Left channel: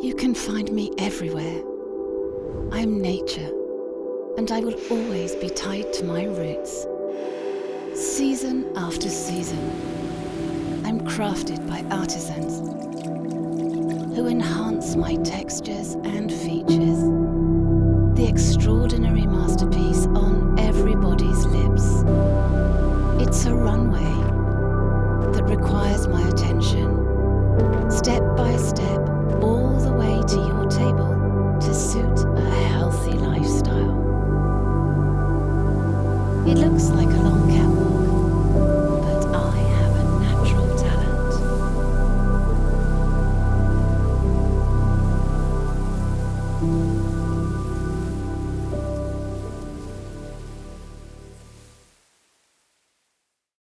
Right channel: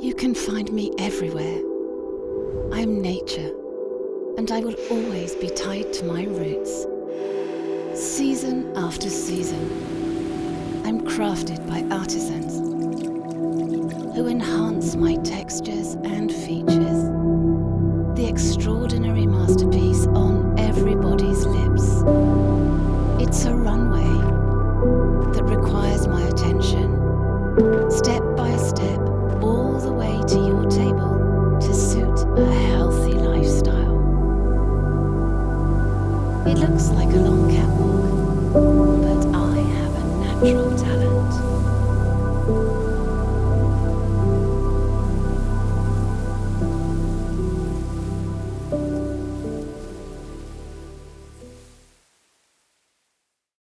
You can find me everywhere. I'm nature, and I will always be tied to my roots. Season after season, I'm crafted by artisans who enhance my textures and features. The extraordinary masterpiece on everybody's lips. It's a runway that requires my attention